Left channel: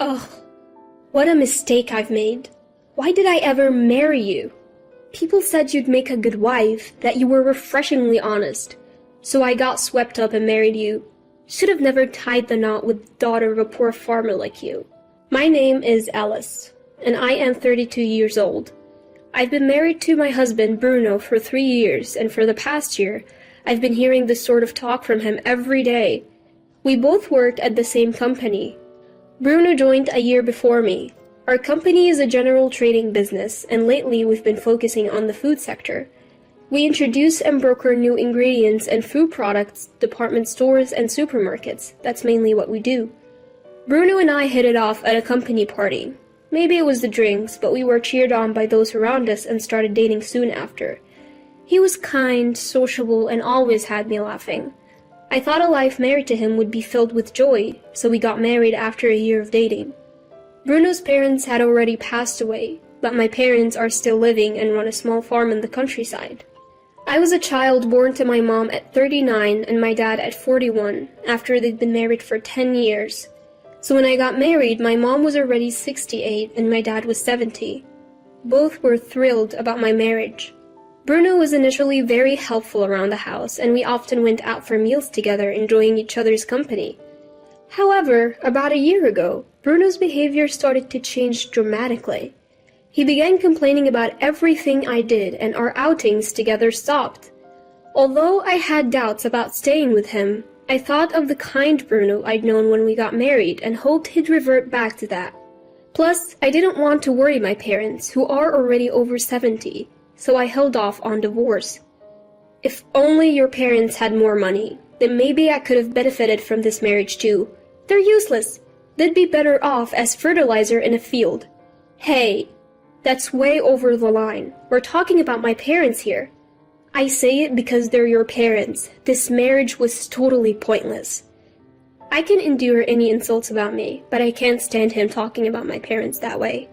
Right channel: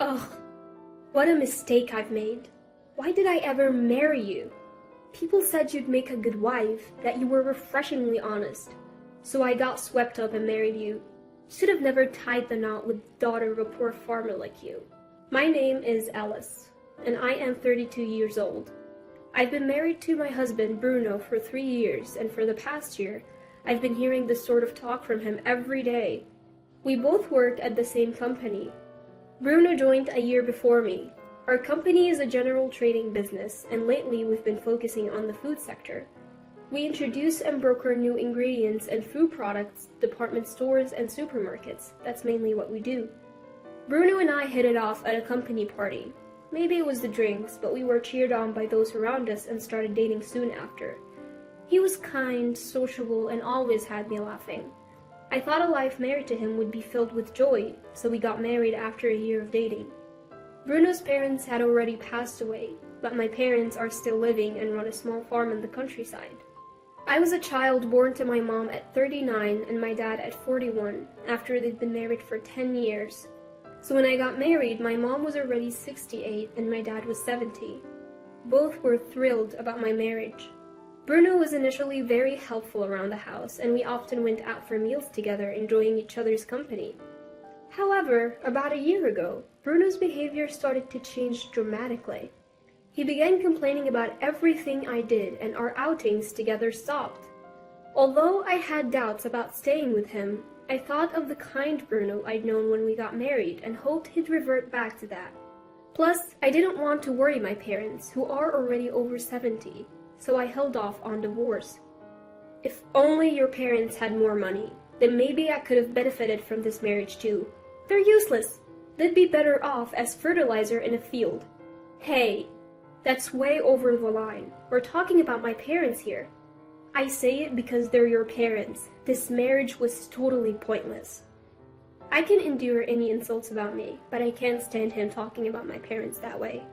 Ugh, what a mistake I've made. Why did I ever marry you? People said you'd make a good wife, that you were refreshingly honest. So I got swept up and married you. Should have never tied the knot with the daughter of a poor farmer like you. My name is Alice, and I am 32 years old. I've been married to my husband, Bruno, for 3 years, and for the past year, I've been hearing this sort of talk from him every day. We both worked at the same company. Bruno joined a year before me. Our company is a general trading business, and lately we've been focusing on the food sector. We introduce and broker new ingredients and food products, department stores, and supermarkets. That's mainly what we do. Bruno and I hit it off at a company party. Maybe it was the drinks, but we were cheered on by those around us and started dating soon after. He was kind, sociable, and always had me laughing. I thought a life married to him would be filled with joy, so we got married after a year of dating. Bruno's parents had already passed away, but my parents are still living and run a small farm in the countryside. I was a child born to my mom at 39 and my dad at 41, after they'd been married for 10 years. So when I got married, my mom was already 68 and my dad was 70. Both were thrilled about my marriage. Bruno was initially very helpful around the house, and we often went out for meals together, enjoying each other's company. However, about a year ago, Bruno's behavior started to change dramatically. He began complaining about everything I did, and our outings together stopped. Although I had doubts about staying with him, I thought of the kind Bruno I'd known when we got married and hoped he'd revert back to that. Plus, I didn't want to worry my parents, who are already over 70, so I held off on divorce. If only your parents had more money, then maybe I could have benefited from this marriage too. They're useless. They'd be better off as fertilizer in a field. Hey, that's way over the line. We're talking about my parents here. I say it because they're your parents. This marriage was totally pointless. I can endure any insults about me, but I can't stand him talking about my parents that way.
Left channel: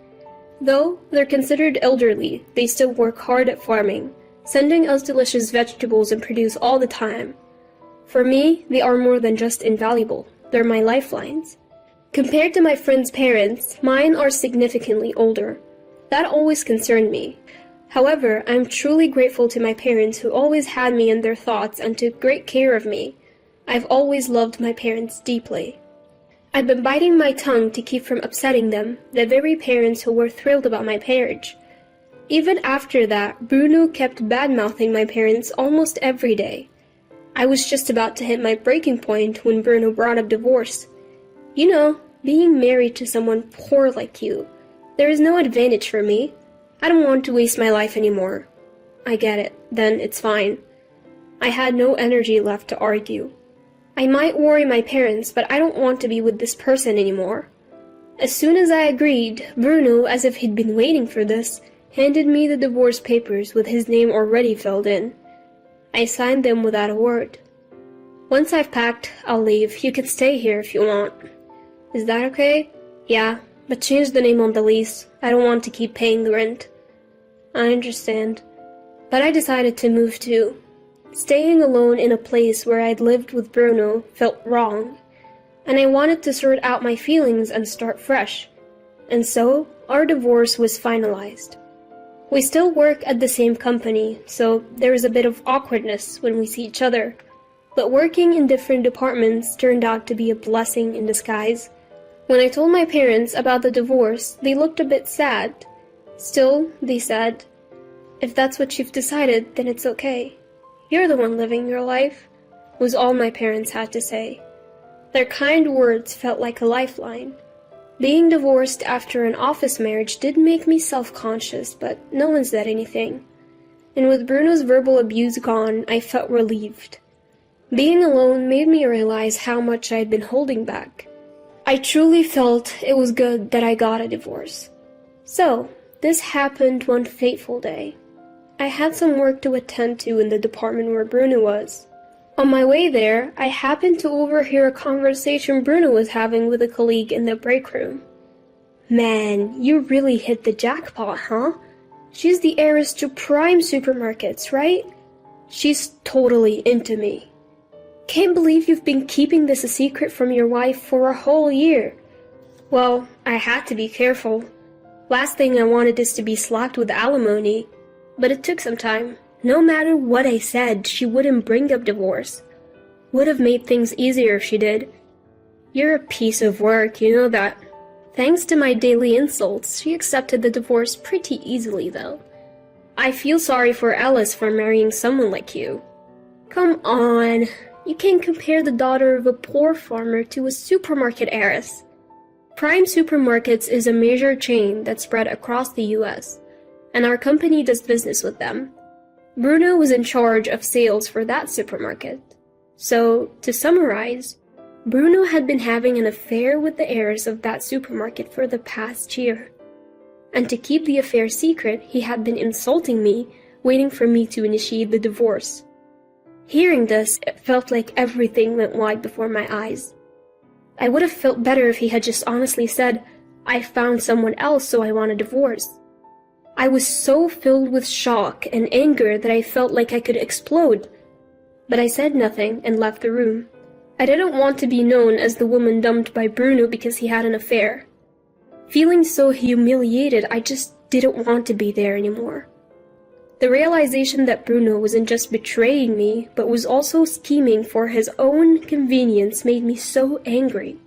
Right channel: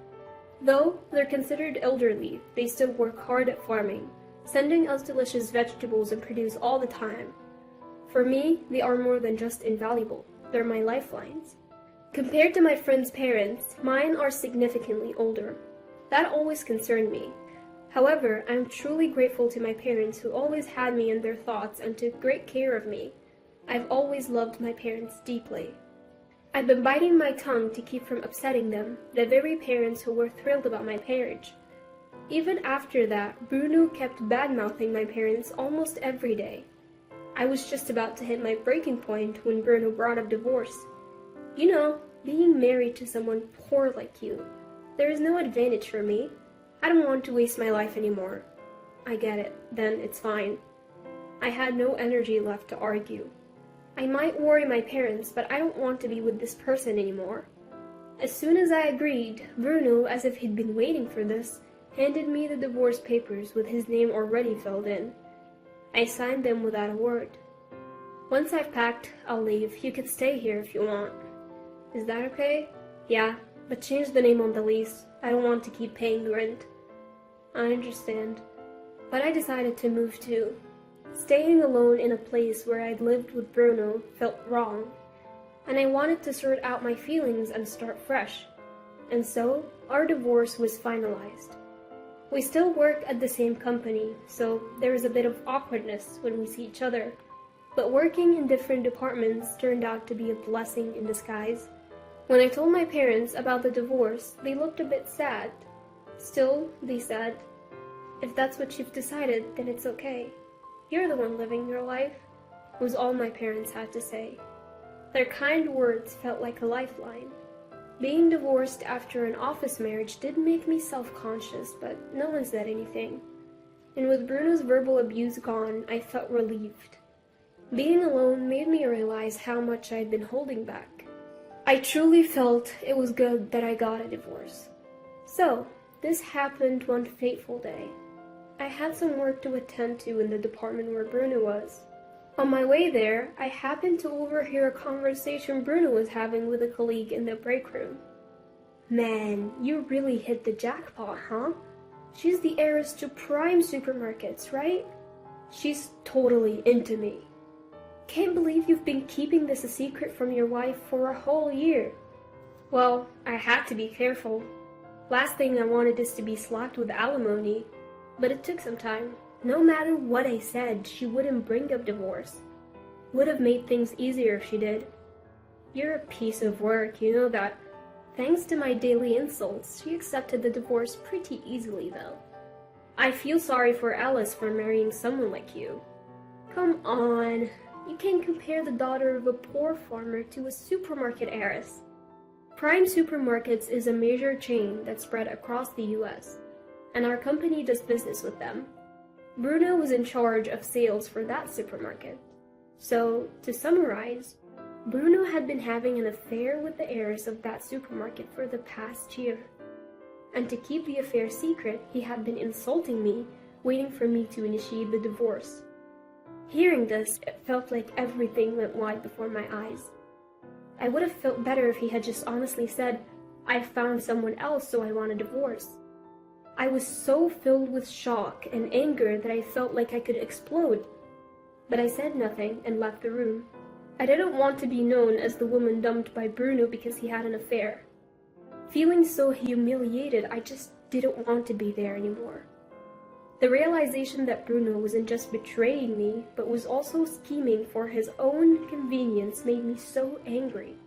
Though they're considered elderly, they still work hard at farming, sending us delicious vegetables and produce all the time. For me, they are more than just invaluable. They're my lifelines. Compared to my friends' parents, mine are significantly older. That always concerned me. However, I'm truly grateful to my parents who always had me in their thoughts and took great care of me. I've always loved my parents deeply. I've been biting my tongue to keep from upsetting them, the very parents who were thrilled about my marriage. Even after that, Bruno kept bad-mouthing my parents almost every day. I was just about to hit my breaking point when Bruno brought up divorce. You know, being married to someone poor like you, there is no advantage for me. I don't want to waste my life anymore. I get it, then it's fine. I had no energy left to argue. I might worry my parents, but I don't want to be with this person anymore. As soon as I agreed, Bruno, as if he'd been waiting for this, handed me the divorce papers with his name already filled in. I signed them without a word. Once I've packed, I'll leave. You can stay here if you want. Is that okay? Yeah, but change the name on the lease. I don't want to keep paying the rent. I understand. But I decided to move too. Staying alone in a place where I'd lived with Bruno felt wrong, and I wanted to sort out my feelings and start fresh. And so, our divorce was finalized. We still work at the same company, so there is a bit of awkwardness when we see each other. But working in different departments turned out to be a blessing in disguise. When I told my parents about the divorce, they looked a bit sad. Still, they said, "If that's what you've decided, then it's okay. You're the one living your life," was all my parents had to say. Their kind words felt like a lifeline. Being divorced after an office marriage did make me self-conscious, but no one said anything. And with Bruno's verbal abuse gone, I felt relieved. Being alone made me realize how much I had been holding back. I truly felt it was good that I got a divorce. So, this happened one fateful day. I had some work to attend to in the department where Bruno was. On my way there, I happened to overhear a conversation Bruno was having with a colleague in the break room. "Man, you really hit the jackpot, huh? She's the heiress to prime supermarkets, right? She's totally into me. Can't believe you've been keeping this a secret from your wife for a whole year." Well, I had to be careful. Last thing I wanted is to be slapped with alimony, but it took some time. No matter what I said, she wouldn't bring up divorce. Would have made things easier if she did. You're a piece of work, you know that. Thanks to my daily insults, she accepted the divorce pretty easily, though. I feel sorry for Alice for marrying someone like you. Come on, you can't compare the daughter of a poor farmer to a supermarket heiress. Prime Supermarkets is a major chain that's spread across the US, and our company does business with them. Bruno was in charge of sales for that supermarket. So, to summarize, Bruno had been having an affair with the heiress of that supermarket for the past year. And to keep the affair secret, he had been insulting me, waiting for me to initiate the divorce. Hearing this, it felt like everything went wide before my eyes. I would have felt better if he had just honestly said, "I found someone else, so I want a divorce." I was so filled with shock and anger that I felt like I could explode. But I said nothing and left the room. I didn't want to be known as the woman dumped by Bruno because he had an affair. Feeling so humiliated, I just didn't want to be there anymore. The realization that Bruno wasn't just betraying me, but was also scheming for his own convenience made me so angry.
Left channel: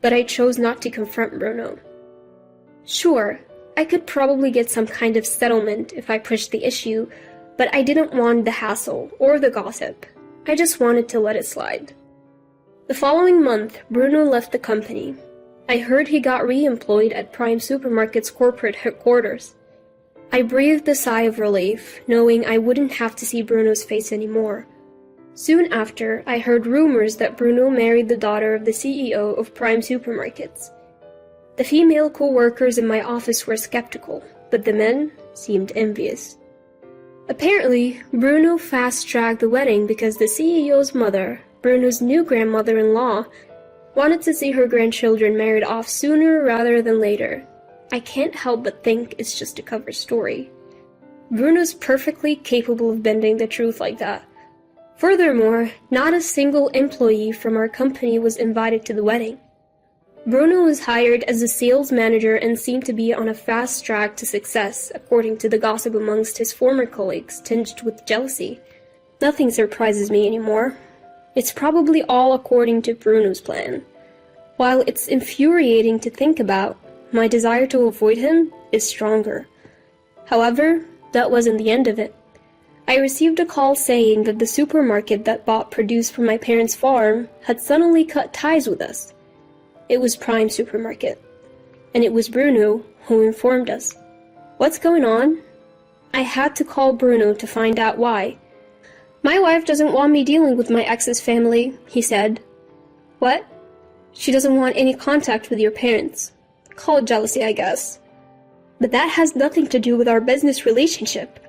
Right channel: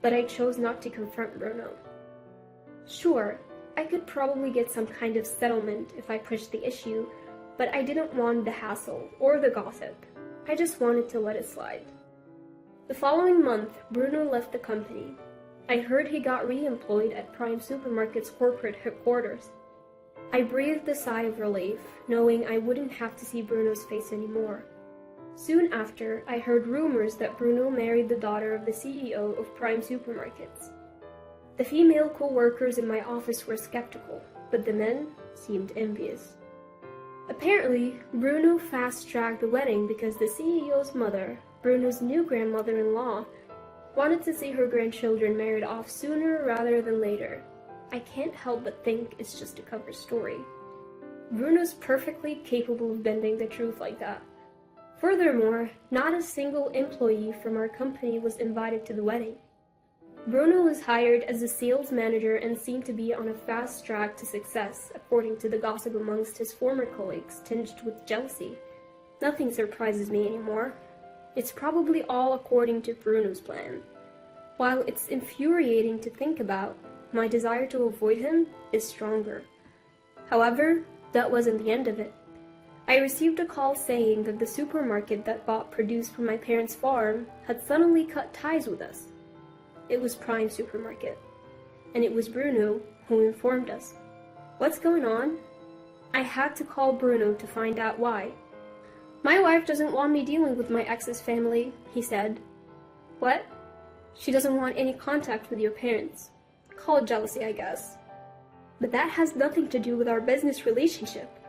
But I chose not to confront Bruno. Sure, I could probably get some kind of settlement if I pushed the issue, but I didn't want the hassle or the gossip. I just wanted to let it slide. The following month, Bruno left the company. I heard he got re-employed at Prime Supermarket's corporate headquarters. I breathed a sigh of relief, knowing I wouldn't have to see Bruno's face anymore. Soon after, I heard rumors that Bruno married the daughter of the CEO of Prime Supermarkets. The female co-workers in my office were skeptical, but the men seemed envious. Apparently, Bruno fast-tracked the wedding because the CEO's mother, Bruno's new grandmother-in-law, wanted to see her grandchildren married off sooner rather than later. I can't help but think it's just a cover story. Bruno's perfectly capable of bending the truth like that. Furthermore, not a single employee from our company was invited to the wedding. Bruno was hired as a sales manager and seemed to be on a fast track to success, according to the gossip amongst his former colleagues, tinged with jealousy. Nothing surprises me anymore. It's probably all according to Bruno's plan. While it's infuriating to think about, my desire to avoid him is stronger. However, that wasn't the end of it. I received a call saying that the supermarket that bought produce from my parents' farm had suddenly cut ties with us. It was Prime Supermarket, and it was Bruno who informed us. What's going on? I had to call Bruno to find out why. My wife doesn't want me dealing with my ex's family, he said. What? She doesn't want any contact with your parents. Call it jealousy, I guess. But that has nothing to do with our business relationship.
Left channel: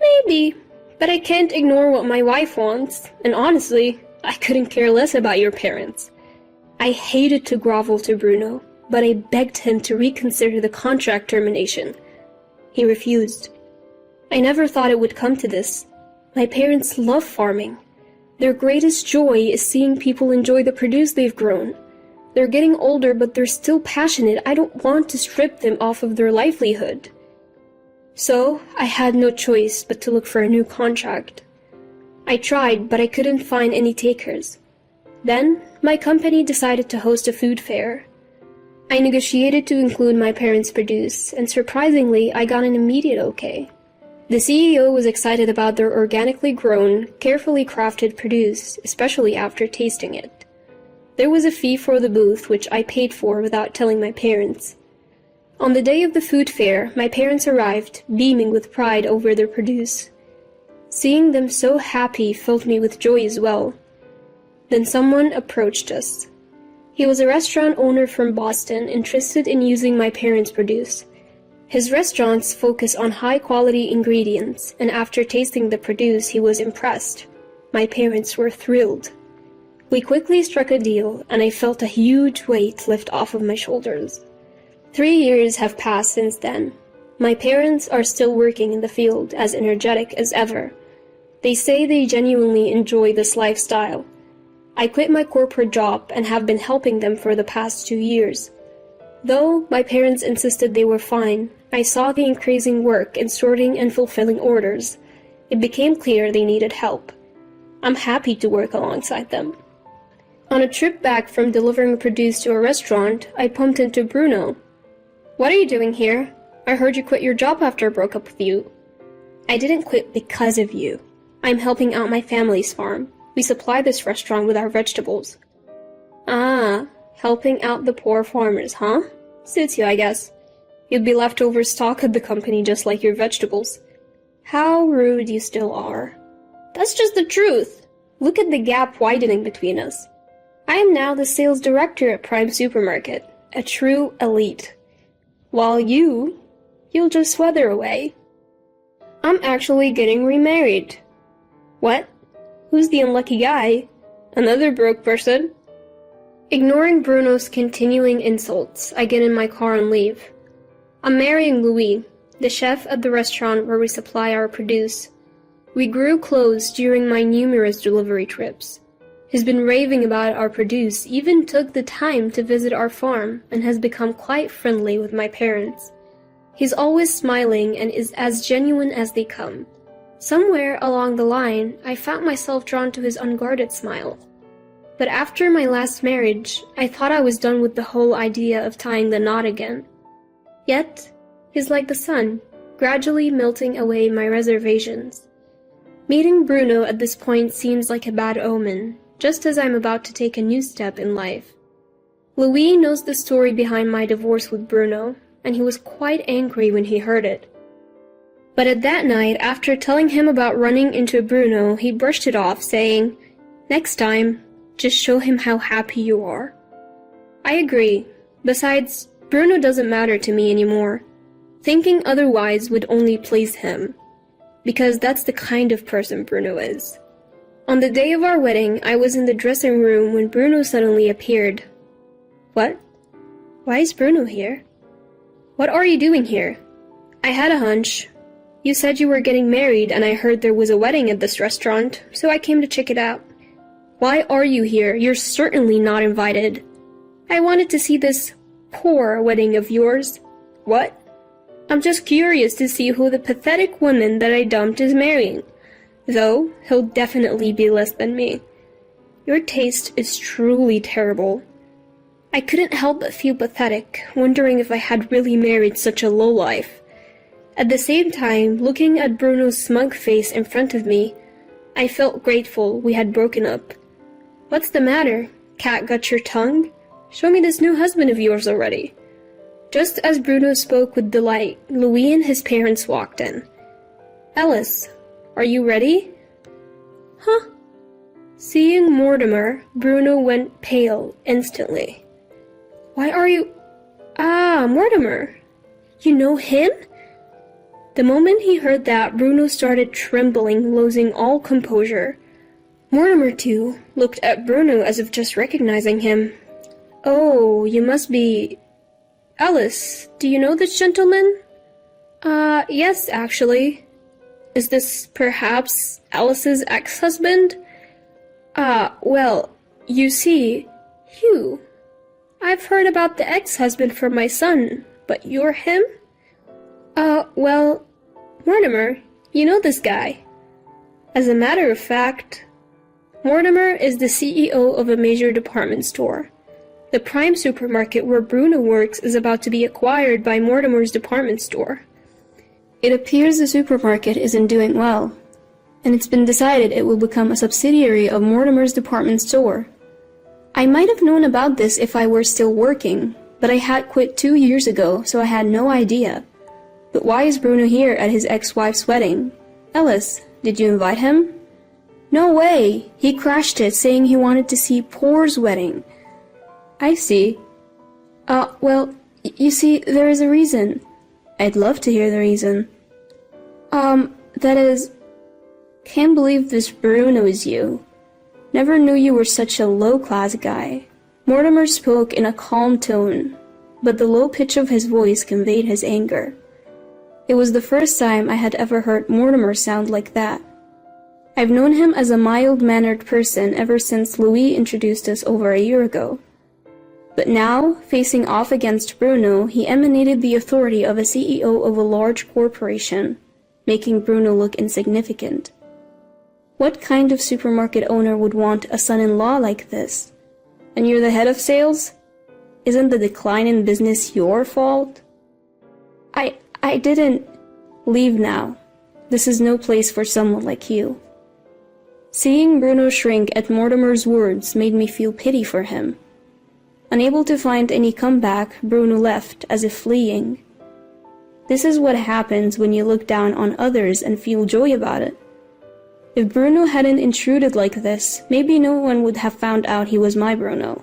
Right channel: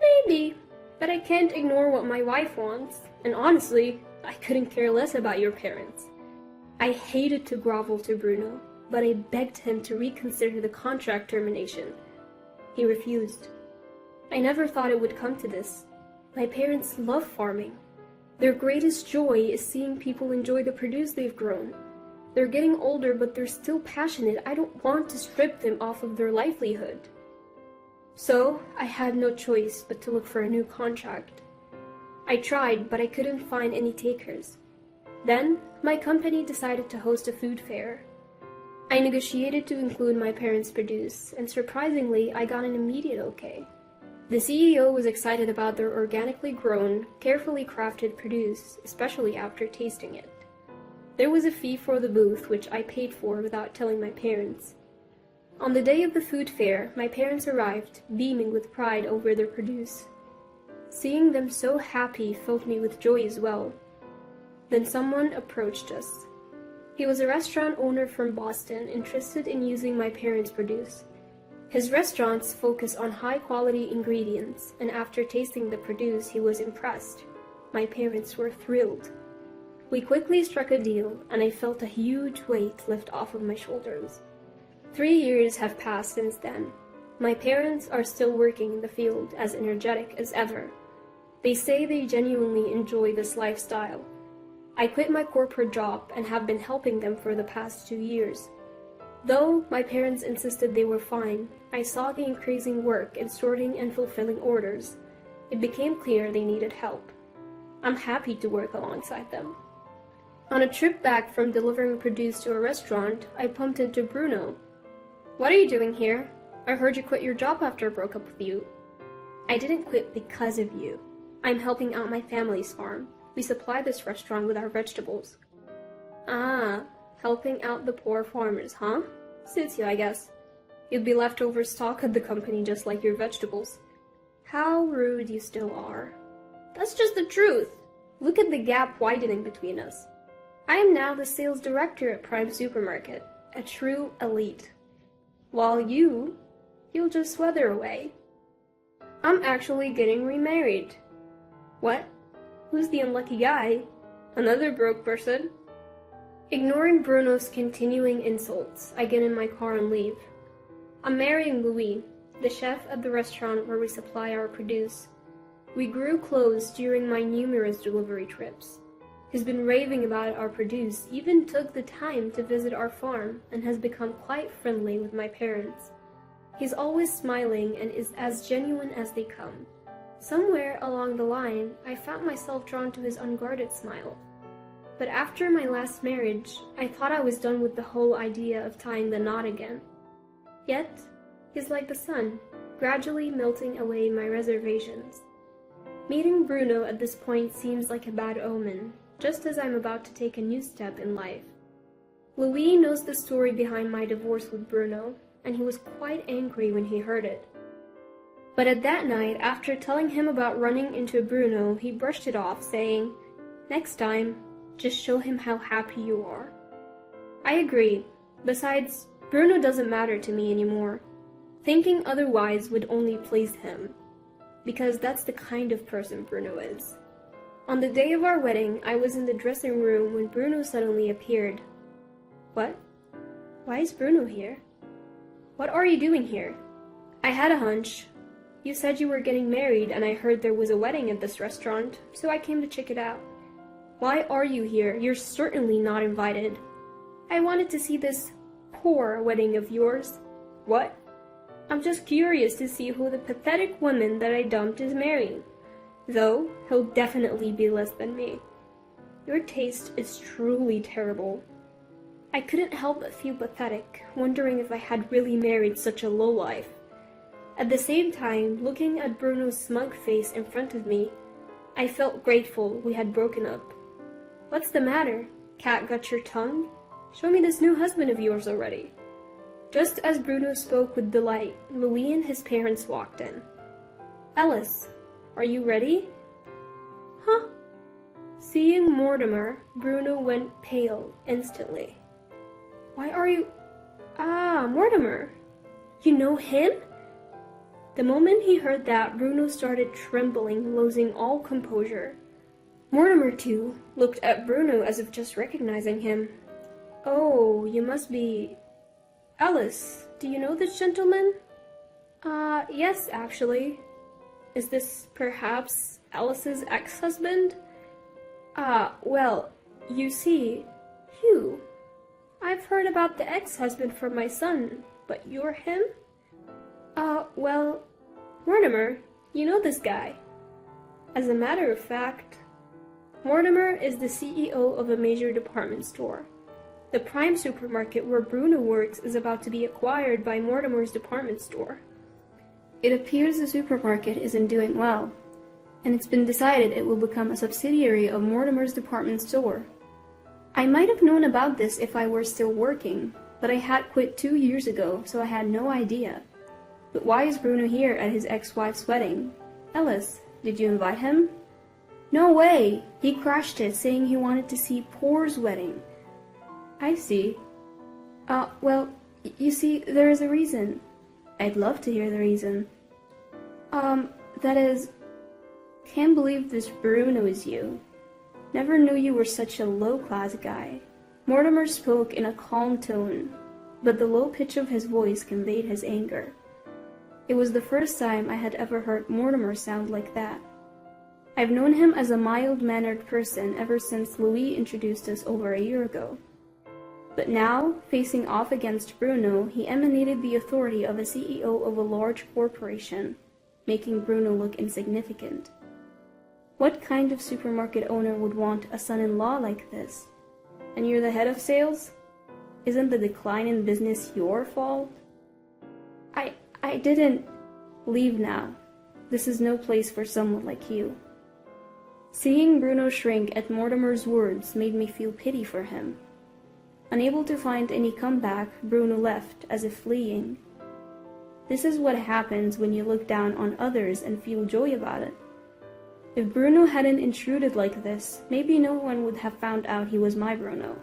Maybe, but I can't ignore what my wife wants, and honestly, I couldn't care less about your parents. I hated to grovel to Bruno, but I begged him to reconsider the contract termination. He refused. I never thought it would come to this. My parents love farming. Their greatest joy is seeing people enjoy the produce they've grown. They're getting older, but they're still passionate. I don't want to strip them off of their livelihood. So, I had no choice but to look for a new contract. I tried, but I couldn't find any takers. Then, my company decided to host a food fair. I negotiated to include my parents' produce, and surprisingly, I got an immediate okay. The CEO was excited about their organically grown, carefully crafted produce, especially after tasting it. There was a fee for the booth, which I paid for without telling my parents. On the day of the food fair, my parents arrived, beaming with pride over their produce. Seeing them so happy filled me with joy as well. Then someone approached us. He was a restaurant owner from Boston, interested in using my parents' produce. His restaurants focus on high-quality ingredients, and after tasting the produce, he was impressed. My parents were thrilled. We quickly struck a deal, and I felt a huge weight lift off of my shoulders. 3 years have passed since then. My parents are still working in the field, as energetic as ever. They say they genuinely enjoy this lifestyle. I quit my corporate job and have been helping them for the past 2 years. Though my parents insisted they were fine, I saw the increasing work in sorting and fulfilling orders. It became clear they needed help. I'm happy to work alongside them. On a trip back from delivering produce to a restaurant, I bumped into Bruno. "What are you doing here? I heard you quit your job after I broke up with you." "I didn't quit because of you. I'm helping out my family's farm. We supply this restaurant with our vegetables." "Ah, helping out the poor farmers, huh? Suits you, I guess. You'd be leftover stock at the company just like your vegetables." "How rude you still are." "That's just the truth. Look at the gap widening between us. I am now the sales director at Prime Supermarket, a true elite. While you'll just weather away. I'm actually getting remarried." "What? Who's the unlucky guy? Another broke person?" Ignoring Bruno's continuing insults, I get in my car and leave. I'm marrying Louis, the chef at the restaurant where we supply our produce. We grew close during my numerous delivery trips. He's been raving about our produce, even took the time to visit our farm, and has become quite friendly with my parents. He's always smiling and is as genuine as they come. Somewhere along the line, I found myself drawn to his unguarded smile. But after my last marriage, I thought I was done with the whole idea of tying the knot again. Yet, he's like the sun, gradually melting away my reservations. Meeting Bruno at this point seems like a bad omen, just as I'm about to take a new step in life. Louis knows the story behind my divorce with Bruno, and he was quite angry when he heard it. But at that night, after telling him about running into Bruno, he brushed it off, saying, "Next time, just show him how happy you are." I agree. Besides, Bruno doesn't matter to me anymore. Thinking otherwise would only please him, because that's the kind of person Bruno is. On the day of our wedding, I was in the dressing room when Bruno suddenly appeared. "What? Why is Bruno here?" "What are you doing here?" "I had a hunch. You said you were getting married, and I heard there was a wedding at this restaurant, so I came to check it out." "Why are you here? You're certainly not invited." "I wanted to see this poor wedding of yours." "What?" "I'm just curious to see who the pathetic woman that I dumped is marrying. Though, he'll definitely be less than me." "Your taste is truly terrible." I couldn't help but feel pathetic, wondering if I had really married such a lowlife. At the same time, looking at Bruno's smug face in front of me, I felt grateful we had broken up. "What's the matter? Cat got your tongue? Show me this new husband of yours already." Just as Bruno spoke with delight, Louis and his parents walked in. "Alice, are you ready?" "Huh?" Seeing Mortimer, Bruno went pale instantly. "Why are you— Ah, Mortimer! You know him?" The moment he heard that, Bruno started trembling, losing all composure. Mortimer, too, looked at Bruno as if just recognizing him. "Oh, you must be— Alice, do you know this gentleman?" Yes, actually." "Is this perhaps Alice's ex-husband?" Well, you see, Hugh. I've heard about the ex-husband from my son, but you're him?" Well, Mortimer, you know this guy." As a matter of fact, Mortimer is the CEO of a major department store. The Prime Supermarket where Bruno works is about to be acquired by Mortimer's department store. It appears the supermarket isn't doing well, and it's been decided it will become a subsidiary of Mortimer's department store. I might have known about this if I were still working, but I had quit 2 years ago, so I had no idea. But why is Bruno here at his ex-wife's wedding? Alice, did you invite him? "No way! He crashed it, saying he wanted to see Poor's wedding." "I see. Well, you see, there is a reason." "I'd love to hear the reason." That is, can't believe this Bruno is you. Never knew you were such a low-class guy." Mortimer spoke in a calm tone, but the low pitch of his voice conveyed his anger. It was the first time I had ever heard Mortimer sound like that. I've known him as a mild-mannered person ever since Louis introduced us over a year ago. But now, facing off against Bruno, he emanated the authority of a CEO of a large corporation, making Bruno look insignificant. What kind of supermarket owner would want a son-in-law like this? And you're the head of sales? Isn't the decline in business your fault? I didn't... Leave now. This is no place for someone like you. Seeing Bruno shrink at Mortimer's words made me feel pity for him. Unable to find any comeback, Bruno left, as if fleeing. This is what happens when you look down on others and feel joy about it. If Bruno hadn't intruded like this, maybe no one would have found out he was my Bruno.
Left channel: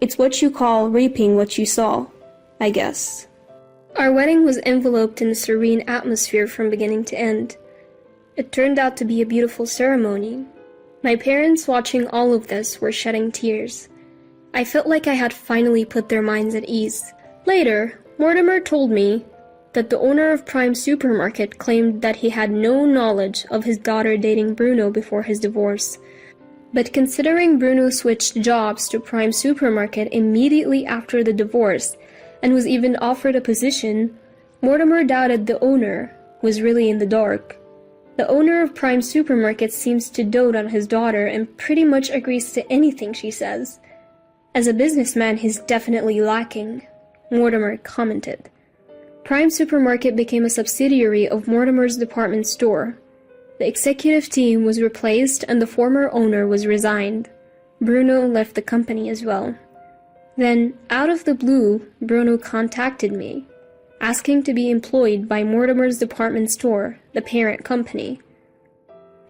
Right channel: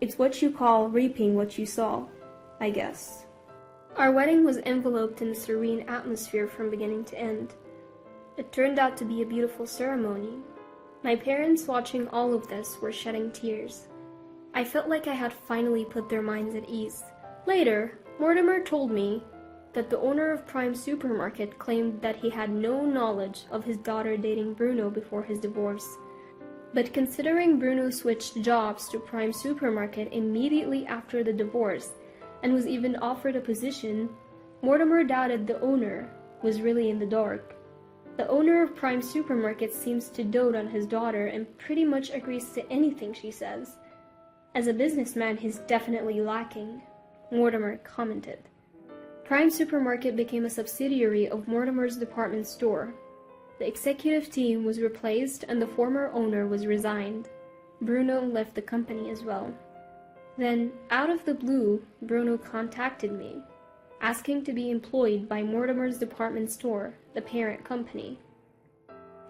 It's what you call reaping what you sow, I guess. Our wedding was enveloped in a serene atmosphere from beginning to end. It turned out to be a beautiful ceremony. My parents, watching all of this, were shedding tears. I felt like I had finally put their minds at ease. Later, Mortimer told me that the owner of Prime Supermarket claimed that he had no knowledge of his daughter dating Bruno before his divorce. But considering Bruno switched jobs to Prime Supermarket immediately after the divorce, and was even offered a position, Mortimer doubted the owner was really in the dark. The owner of Prime Supermarket seems to dote on his daughter and pretty much agrees to anything she says. As a businessman, he's definitely lacking, Mortimer commented. Prime Supermarket became a subsidiary of Mortimer's department store. The executive team was replaced and the former owner was resigned. Bruno left the company as well. Then, out of the blue, Bruno contacted me, asking to be employed by Mortimer's department store, the parent company.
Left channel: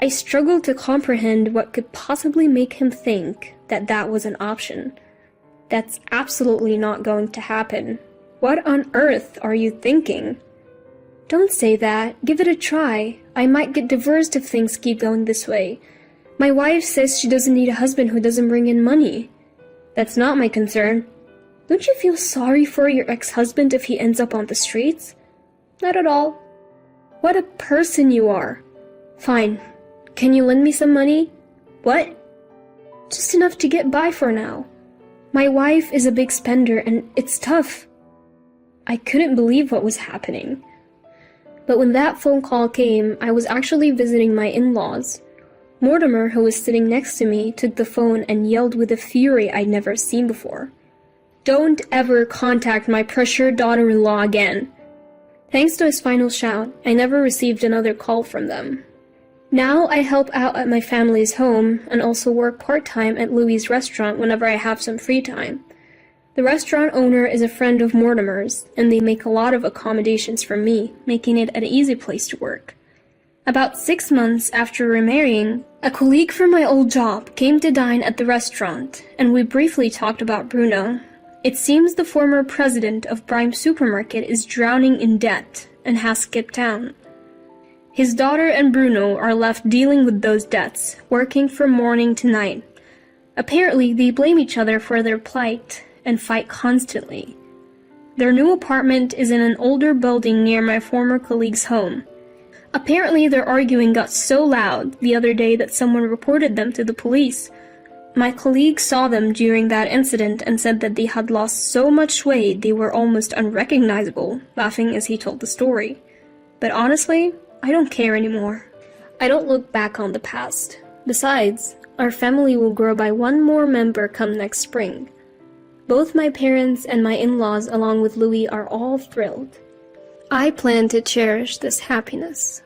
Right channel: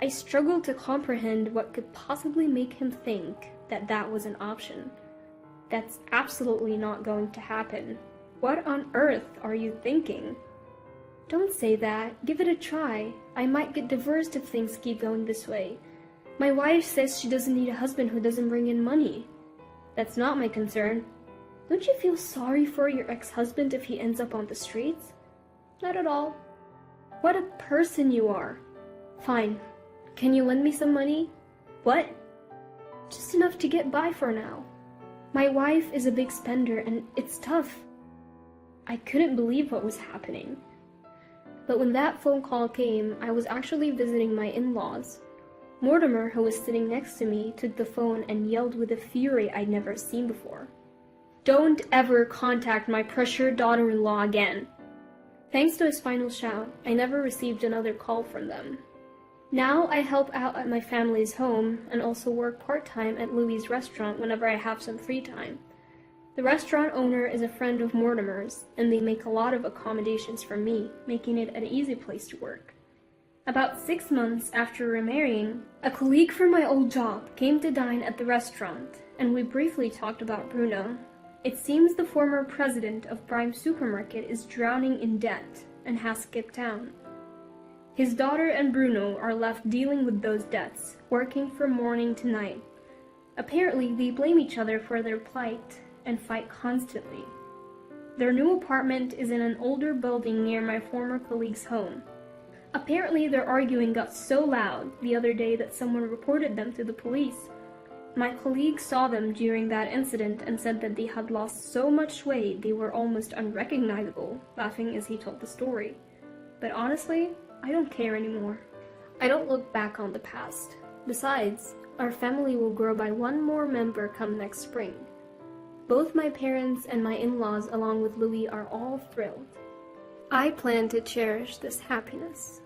I struggled to comprehend what could possibly make him think that that was an option. That's absolutely not going to happen. What on earth are you thinking? Don't say that. Give it a try. I might get divorced if things keep going this way. My wife says she doesn't need a husband who doesn't bring in money. That's not my concern. Don't you feel sorry for your ex-husband if he ends up on the streets? Not at all. What a person you are. Fine. Can you lend me some money? What? Just enough to get by for now. My wife is a big spender and it's tough. I couldn't believe what was happening. But when that phone call came, I was actually visiting my in-laws. Mortimer, who was sitting next to me, took the phone and yelled with a fury I'd never seen before. Don't ever contact my pressured daughter-in-law again. Thanks to his final shout, I never received another call from them. Now I help out at my family's home and also work part-time at Louie's restaurant whenever I have some free time. The restaurant owner is a friend of Mortimer's, and they make a lot of accommodations for me, making it an easy place to work. About 6 months after remarrying, a colleague from my old job came to dine at the restaurant, and we briefly talked about Bruno. It seems the former president of Prime Supermarket is drowning in debt and has skipped town. His daughter and Bruno are left dealing with those debts, working from morning to night. Apparently, they blame each other for their plight and fight constantly. Their new apartment is in an older building near my former colleague's home. Apparently, their arguing got so loud the other day that someone reported them to the police. My colleague saw them during that incident and said that they had lost so much weight they were almost unrecognizable, laughing as he told the story. But honestly, I don't care anymore. I don't look back on the past. Besides, our family will grow by one more member come next spring. Both my parents and my in-laws along with Louie are all thrilled. I plan to cherish this happiness.